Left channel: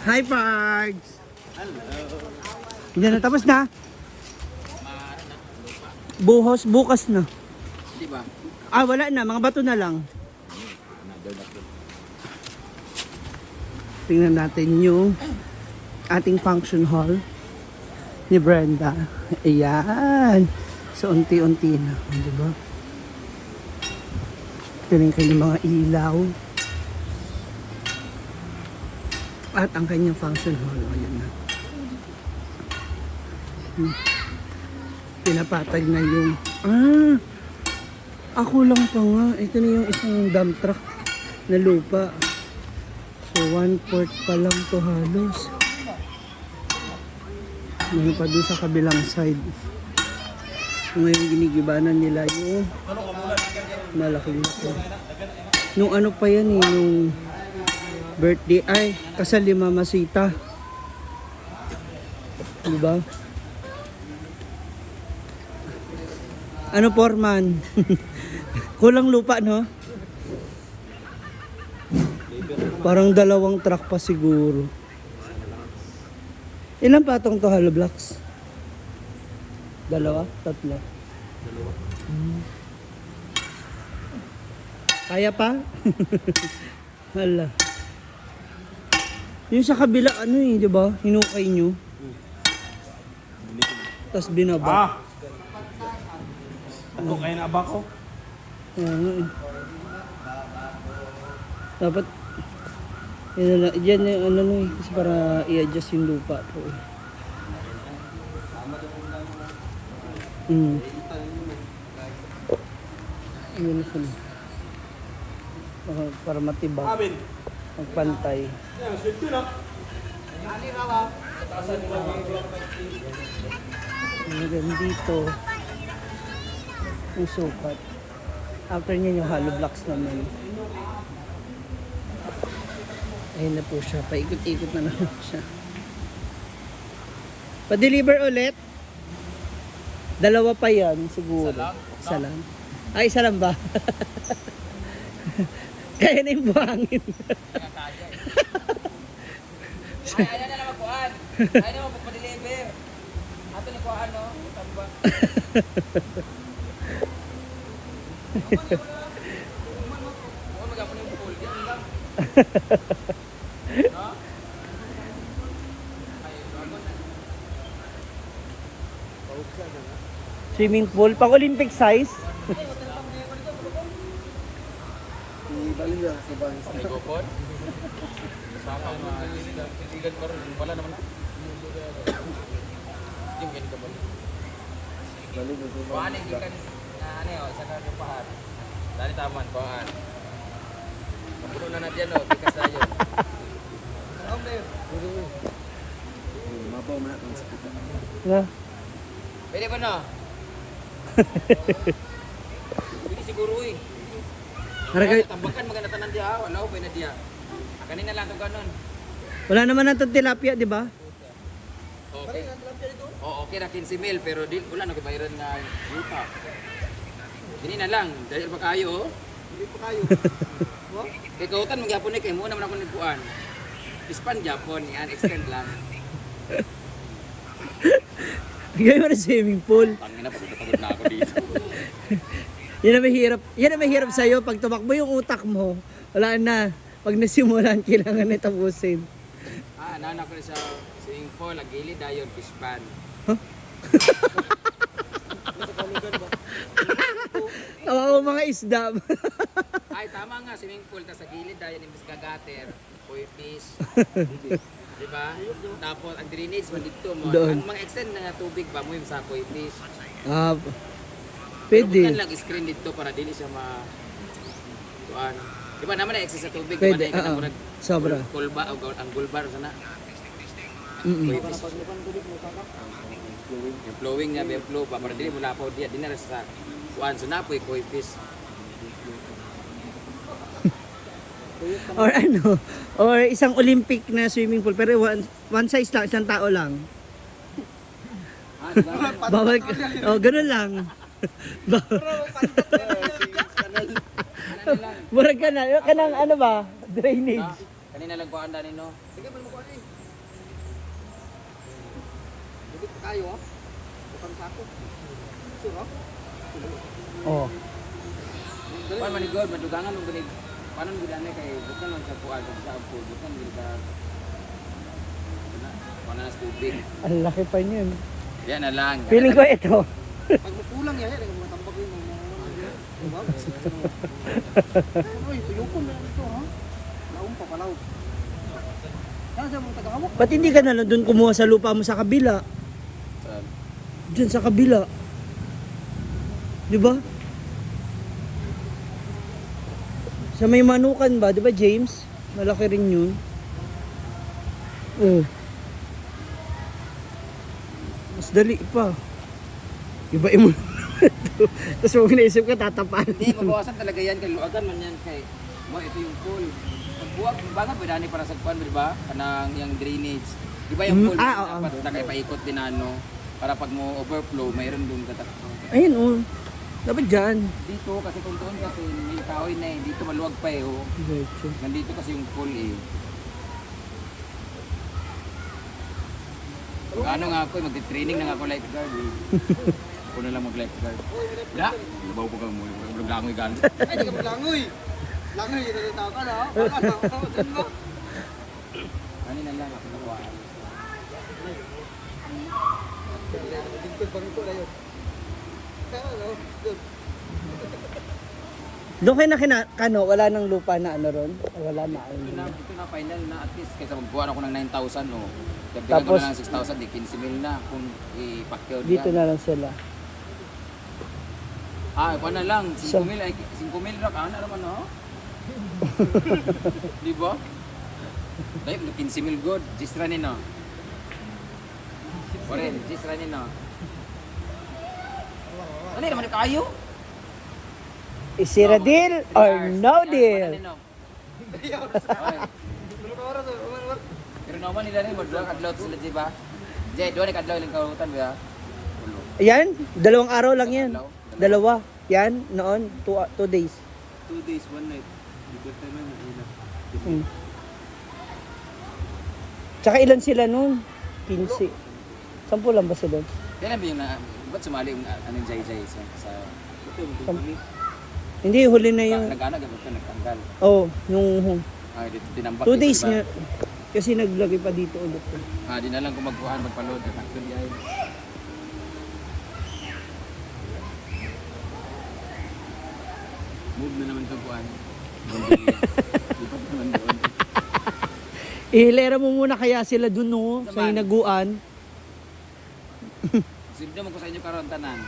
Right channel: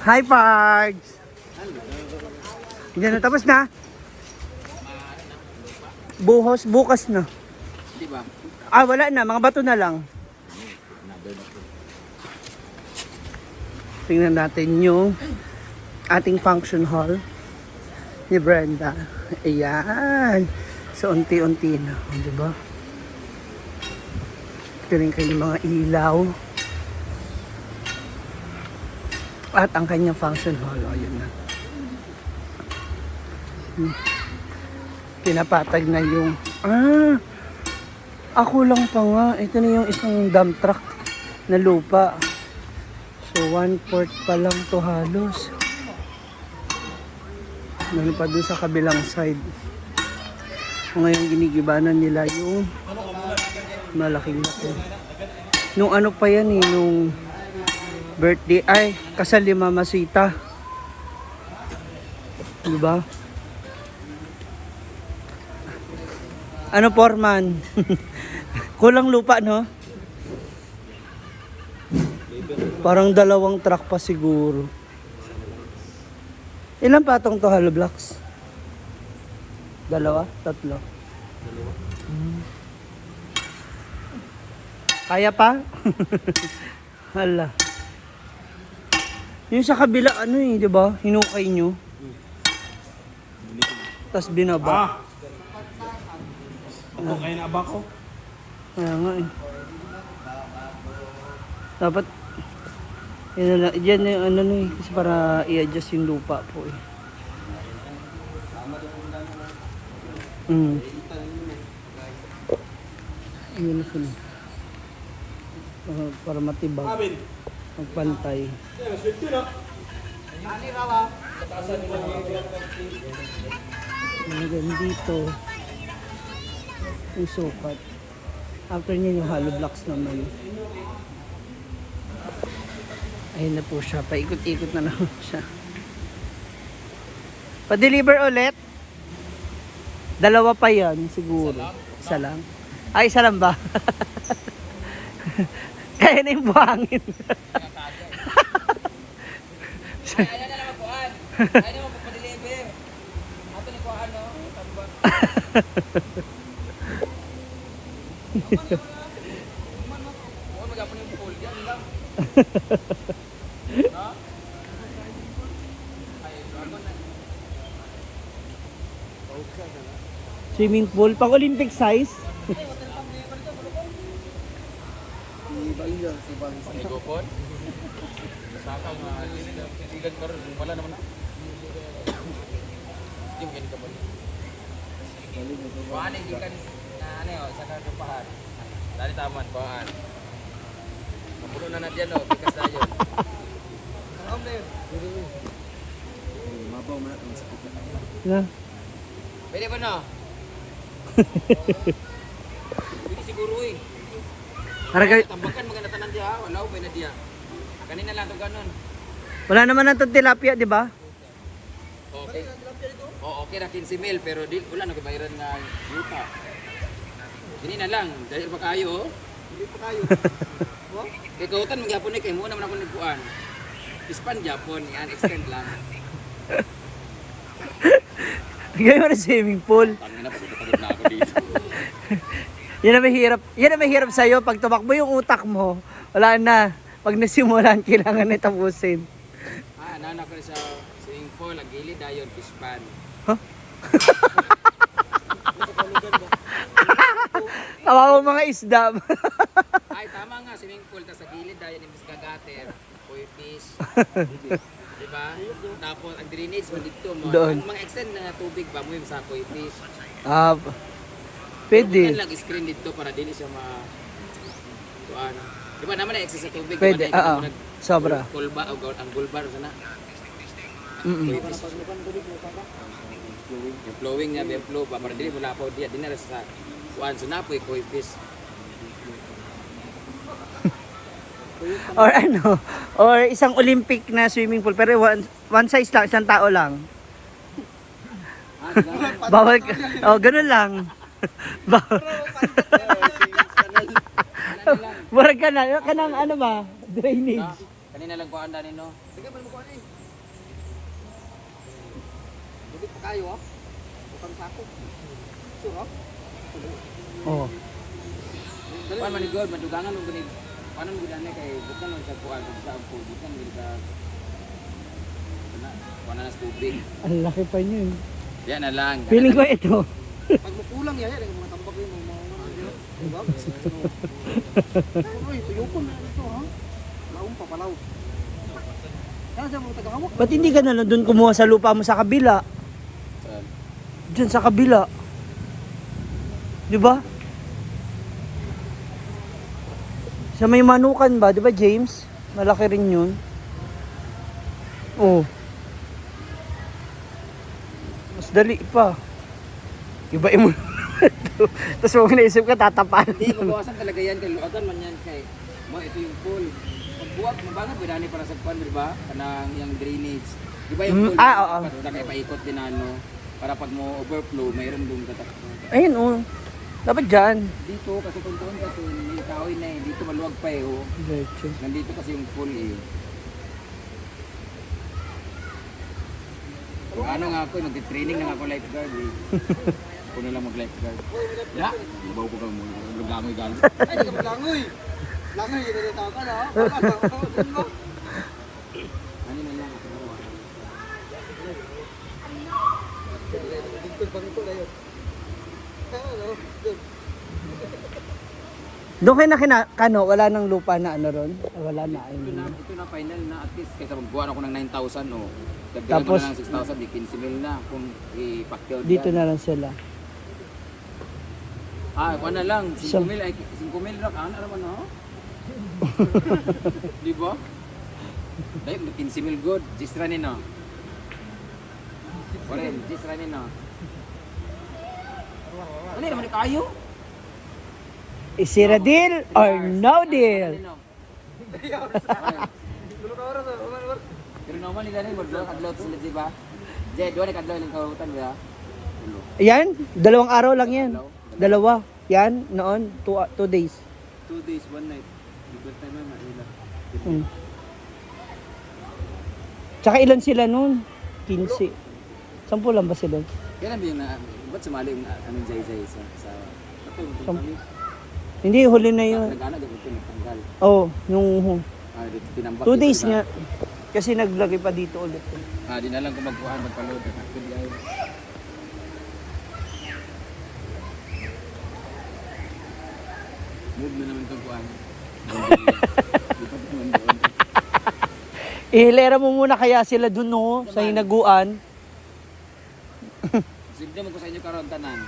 Hi, Pards! Diyan na, tapos na? Bukas na. Di ba? Ah, wala na. Mga bato na lang. Tingnan natin yung ating function hall ni Brenda. Ayan. So, unti-unti na. Diba? Ito rin kanyang mga ilaw. At ang kanyang function hall. O, yun na. Pinapatag na yung... Ako lang pa nga. Ito na yung isang dump truck na lupa. So, 1/4 pa lang to halos. Meron pa doon sa kabilang side. Ngayon ginigibanan nila yung malaking laki. Nung ano pa yan eh, nung birthday, ay, kasal ni Mama Sita. Diba? Ano, Foreman? Kulang lupa, no? Parang 2 truck pa siguro. Ilan patong to hollow blocks? 2? 3? 2. Kaya pa? Hala. Yung sa kabila, ano eh, di ba? Hinukay nyo. Tapos binaba. Ako kaya na aba ko. Kaya nga eh. Dapat, yan yung ano eh, kasi para i-adjust yung lupa po eh. Yun na sila. Para matibag. Magpantay. Hanggang dito yung sukat. After niya yung hollow blocks naman. Ayun na po siya. Paikot-ikot na naman siya. Pa-deliver ulit? 2 pa yan siguro. Isa lang? Ay, isa lang ba? Kaya na yung buhangin. Ay, ano na naman kuhaan? Ay naman pa-deliver. Ato ni kuhaan, no? Tamba. Oo, magapon yung pool. Yan lang. No? Ay, dragon na. Swimming pool, pang Olympic size. Ay, gopon. Sakaw nga. Titigan ko rin. Wala naman na. Hindi mo ganito ba? Kuhaan, hindi ka na ano yun. Isa ka kapahan. Dali taman, kuhaan. Mapuno na natin yan, o. Tikas na yun. Saan ba yun? Mabaw mo na itong sakit. Na. Pwede ba na? Pwede siguro eh. Haragay. Tambakan maganda tanan diya. Wala ba na diya. Kanina lang to ganon. Wala naman na itong tilapia, di ba? Okay. Oh, okay na 15 mil pero di wala na kabayaran nga yuta. Dini na lang dahil pa kayo. Hindi pa kayo. Mo? Kay kautan magyapon ni kay mo naman ako nagpuan. Ispan Japon yan extend lang. Ganyan mo na swimming pool. Tangina na pagod na ako dito. Yan ang mahirap. Yan ang mahirap sa'yo. Pag tumakbo yung utak mo, wala na. Pag nasimulan, kailangan na tapusin. Nana ko sa swimming pool, nagilid ayon fish pan. Huh? Tawa mo mga isda. Ay tama nga swimming pool ta sa gilid ayon imbis kagater, koi fish. Diba? Tapos ang drainage man dito mo. Doon. Ang mga extend na tubig ba mo yung sa koi fish. Ah, Pero pwede. lang screen dito para dili siya tuan. Di ba naman na excess sa tubig? Pwede, Di ba oo. Sobra. Kulba o ang gulbar sana. Yung flowing niya, yung flow pa para dili mo lapaw diya dinara sa kuan so napoy koi fish. Or ano, or isang Olympic na swimming pool pero one size lang, isang tao lang. Bawal ka. Oh, ganun lang. Bawal. Murag ka na, kanang ano ba? Drainage. Kanina lang kuhaan dani no. Sige, man mo ko ani. Dugit pa kayo, ha? Bukang sako. Sure, ha? Oh. Kuhaan man ni God, madugangan mo gani. Paano mo gani kay bukan man sa kuhaan sa pool, bukan gani ka. Kuhaan na sa tubig. Ang laki pa niyan. Yan na lang. Feeling ko ito. Pag makulang yan, yan, mga tambak yun, mga diba? Uy, tuyukon na ito, ha? Laong pa, palaw. Kaya siya mga tagahawak. Ba't hindi ka na lang doon kumuha sa lupa mo sa kabila? Saan? Diyan sa kabila. Di ba? Sa may manukan ba? Di ba James? Malaki rin yun. Oh. Mas dali pa. Ibain mo. Tapos huwag naisip ka tatapan. Hindi, mabawasan talaga yan. Kay luagan man yan kay. Ito yung pool. Pagbuwag, mabangan pwede ni para sa kuan, di ba? Kanang yung drainage. Di ba yung pool? oo. Dapat na kay paikot din ano. Para pag mo overflow, mayroon doon tatakbo. Ayun oh. Dapat dyan. Dito kasi kung doon kasi may kahoy na eh. Dito maluwag pa eh. Oh. Diretso. Nandito kasi yung pool eh. Ano nga ako, mag-training na nga ako lifeguard eh. Ako na lang mag-lifeguard. Ya, nabaw ko ka mo. Langoy gali. Ay, di ka maglangoy. Langoy, yun na tao ka na, ha? Wala na, dun ba? Ano na lang ako nawa. Dito bang ito na yun? Ano, dun. Doon kayo na kinakano, wala nang lupa na ano ron? Wala na. Ito na final na at least kaysa magbuwan ako ng 9,000 o dagdagan ko na lang 6,000 di 15,000 na kung i-packed Dito na lang sila. Ah, na lang 5,000 ay 5,000 ra kana naman ho. Di ba? Dahil 15,000 good, just ranin no. Oren, just ranin no. Ano naman kayo? Is it a deal or no deal? Dulu ka oras, Pero naman nila rin, adlaw sila di ba? Jay, doon adlaw lang karutan ba? Ulo. Yan, 2 araw lang yan. 2. Yan, noon, 2 days. 2 days, 1 night. Ibig naman na ila. Hmm. Tsaka ilan sila noon? 15. 10 lang ba sila? Kailan ba yung ba't sumali yung anong Jay sa kami? Hindi, huli na yun. Nag-ana gamit ko, nagtanggal. Oh, yung Dito tinambak. 2 days dito, diba? nga. Kasi naglagay pa dito ulit. Di na lang kung magkuhan, magpaload. Actually ay. Move na naman itong kuhan. Lipat naman doon. Ihilera mo muna kaya sila dun no, sa hinaguan. Sigdo mo ko sa inyo karon tanan.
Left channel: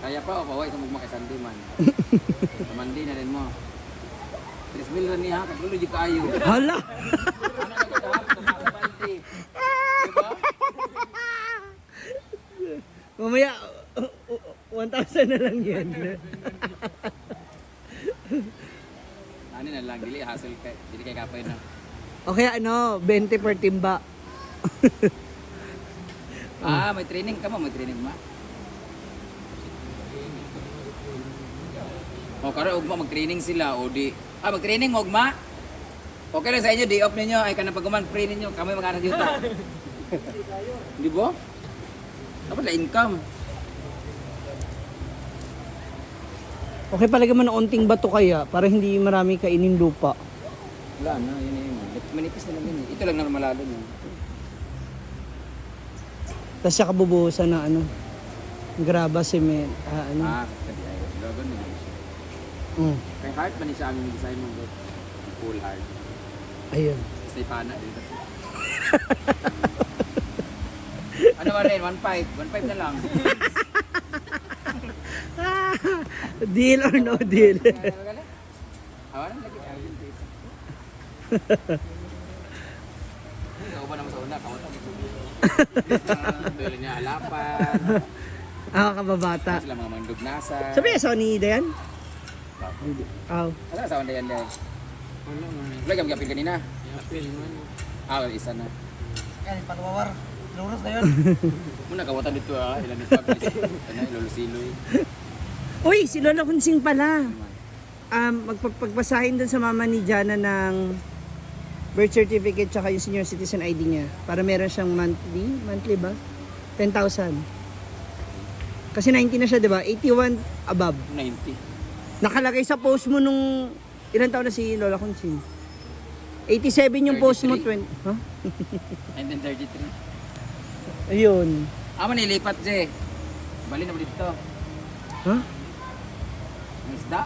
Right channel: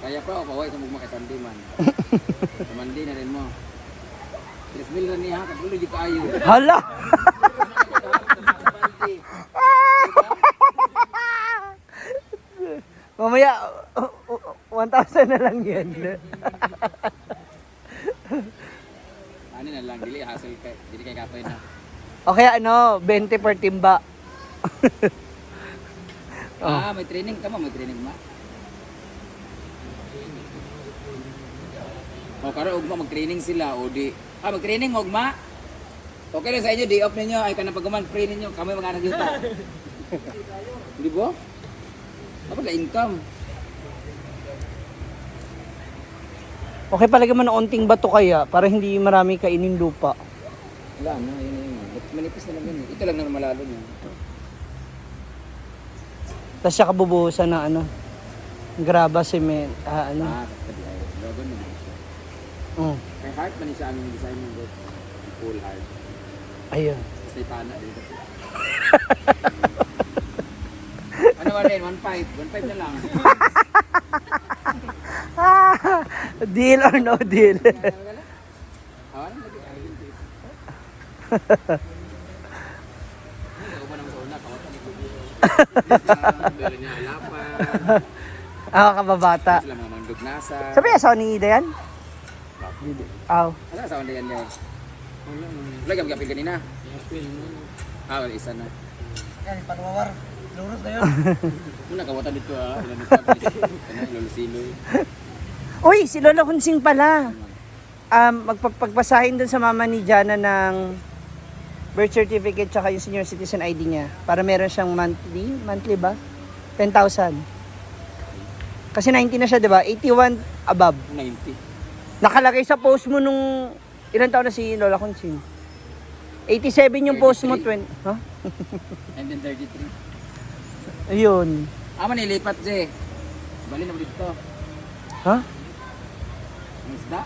Kaya pa o paway sa mugma kay Sandy man. Sa Mandi na rin mo. 3,000 na niya, katuloy di kayo. Hala! Mamaya, 1,000 na lang yan. Ano na lang, dili hassle kay, dili kay kapay na. O kaya ano, 20 per timba. May training ka mo, may training ma. O karon ugma mag-training sila o di. Mag-training ugma. Okay lang sa inyo, day off ninyo ay kanang pagkuman free ninyo, kami mag-anak yuta. Di ba? Dapat la income. Okay, palagay mo ng unting bato kaya para hindi marami kainin lupa. Wala na, yun. Manipis na lang yun. Ito lang naman malalo yun. Tapos siya kabubuhusan na ano, graba, cement, ano. Pwede ay. Logan mo din siya. Kay heart man siya aming design mo, bro. Full heart. Ayun. Kasi pana din kasi. Ano ba rin? 1.5. 1.5 na lang. Deal or no deal? Hawalan lagi. Ikaw ba naman sa una? Kaunta ni Kubo. Dali niya halapan. Kababata. Sila mga mandog nasa. Sabi asawa ni Dayan? Aw. Ano na sa onda yan, Leo? Wala kang kapil kanina? Isa na. Yan, panwawar. Lurus na yun. Muna kawatan dito ilan ito. Lolo Siloy. Uy, si Lola Hunsing pala. Magpagpasahin dun sa mama ni Jana ng birth certificate tsaka yung senior citizen ID niya. Para meron siyang monthly ba? 10,000. Kasi 90 na siya, di ba? 81 above. 90. Nakalagay sa post mo nung, ilang taon na si Lola Conching? 87 yung post mo, 20. Ha? And then 33. Ayun. Nilipat, Je. Bali na mo dito. Ha? Ang isda.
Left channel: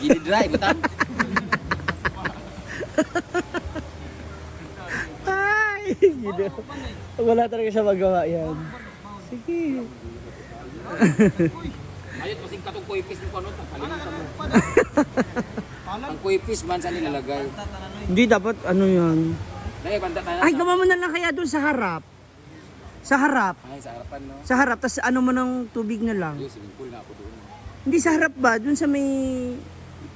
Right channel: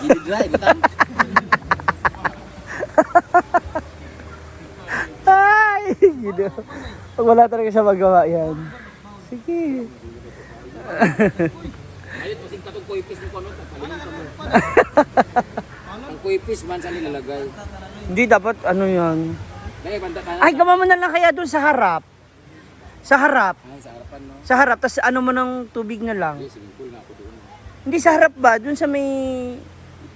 Gili dry, butang. Ay! Gino. Pag wala talaga siya magawa yan. Sige. Ayun, masing katong kuipis mo ano, kalimutan mo. Ang kuipis man sa nilalagay. Hindi dapat ano yan. Dahil banda tayo. Ay, gawa mo na lang kaya doon sa harap. Sa harap. Ay, sa harapan, no? Sa harap, tas ano mo ng tubig na lang. Yung swimming pool na ako doon. Hindi sa harap ba? Doon sa may,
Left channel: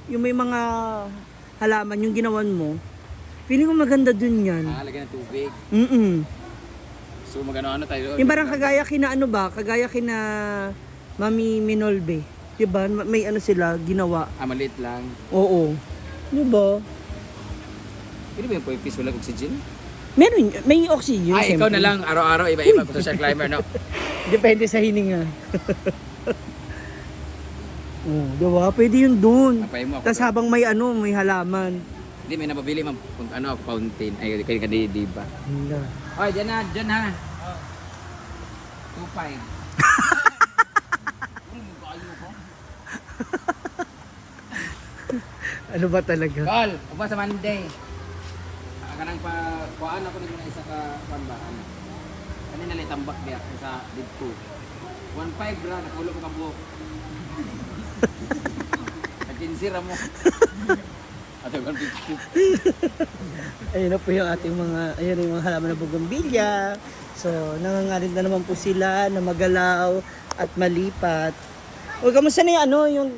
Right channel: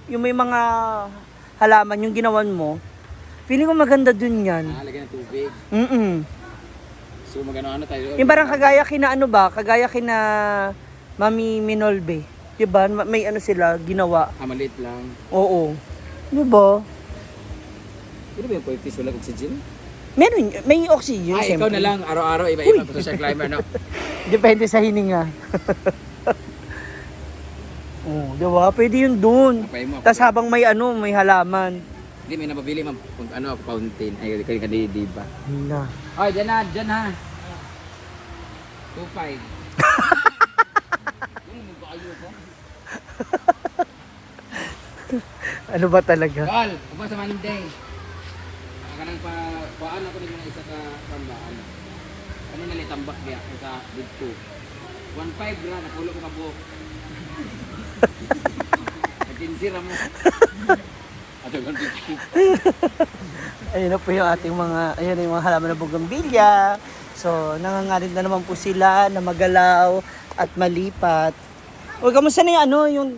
yung may mga halaman, yung ginawan mo. Feeling ko maganda doon yan. Lagyan ng tubig. So, magano-ano tayo. Yung parang kagaya kina ano ba? Kagaya kina Mami Minolbe. Diba? May ano sila, ginawa. Maliit lang. Oo. Diba? Hindi ba yung kuipis walang oxygen? Meron, may oxygen. Ay, ikaw siyempre. na lang. Araw-araw, iba-iba po sa climber, no? Depende sa hininga. Oh, diba? Pwede yun dun. Napay mo ako. Tapos habang may ano, may halaman. Hindi, may nababili man kung ano, fountain. Ay, kaya di ba? Na. Ay, dyan ha. 2.5. Ano ba talaga? Gal, upa sa Monday. Kanang pa, kuhaan ako nito na isa ka, ba, ano. Kanina na itambak niya sa big 2. 1.5 gra, nakulo ko ka buhok. Nakinsira mo. Ato, 1.50. Ayun na po yung ating mga, ayun yung mga halaman ng bugambilya. So, nangangalit na naman po sila na magalaw at malipat. O, kamusta na yung ano, yung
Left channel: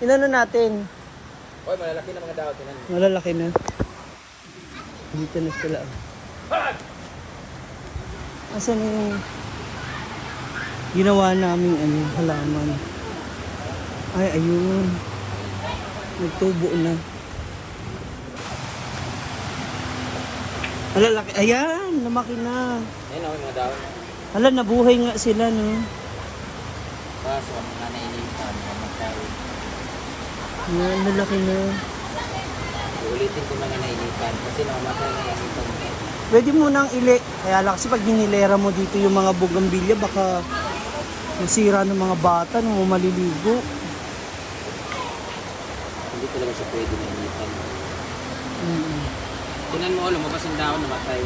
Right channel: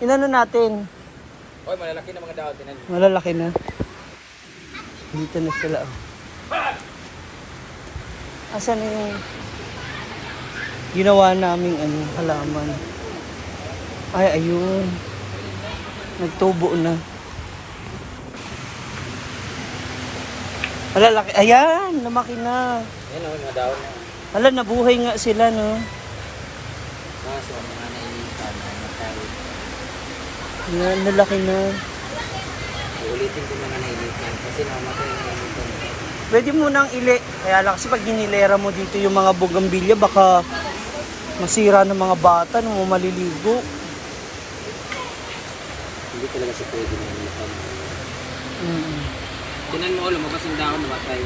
inano natin? Oy, malalaki na mga daw. Tinan. Malalaki na. Dito na sila. Asan na yung ginawa naming ano, halaman? Ay, ayun. Nagtubo na. Malalaki. Ayan, lumaki na. Ayun ako yung mga daw. Hala, nabuhay nga sila, no? So, mga nainitan, namatay. Ayan, lalaki na. Ulitin ko mga nainitan kasi namatay na nainitan. Pwede mo nang kaya lang kasi pag hinilera mo dito yung mga bugambilya, baka masira ng mga bata nung maliligo. Hindi talaga siya pwede nainitan. Tinan mo, lumabas yung daon, namatay.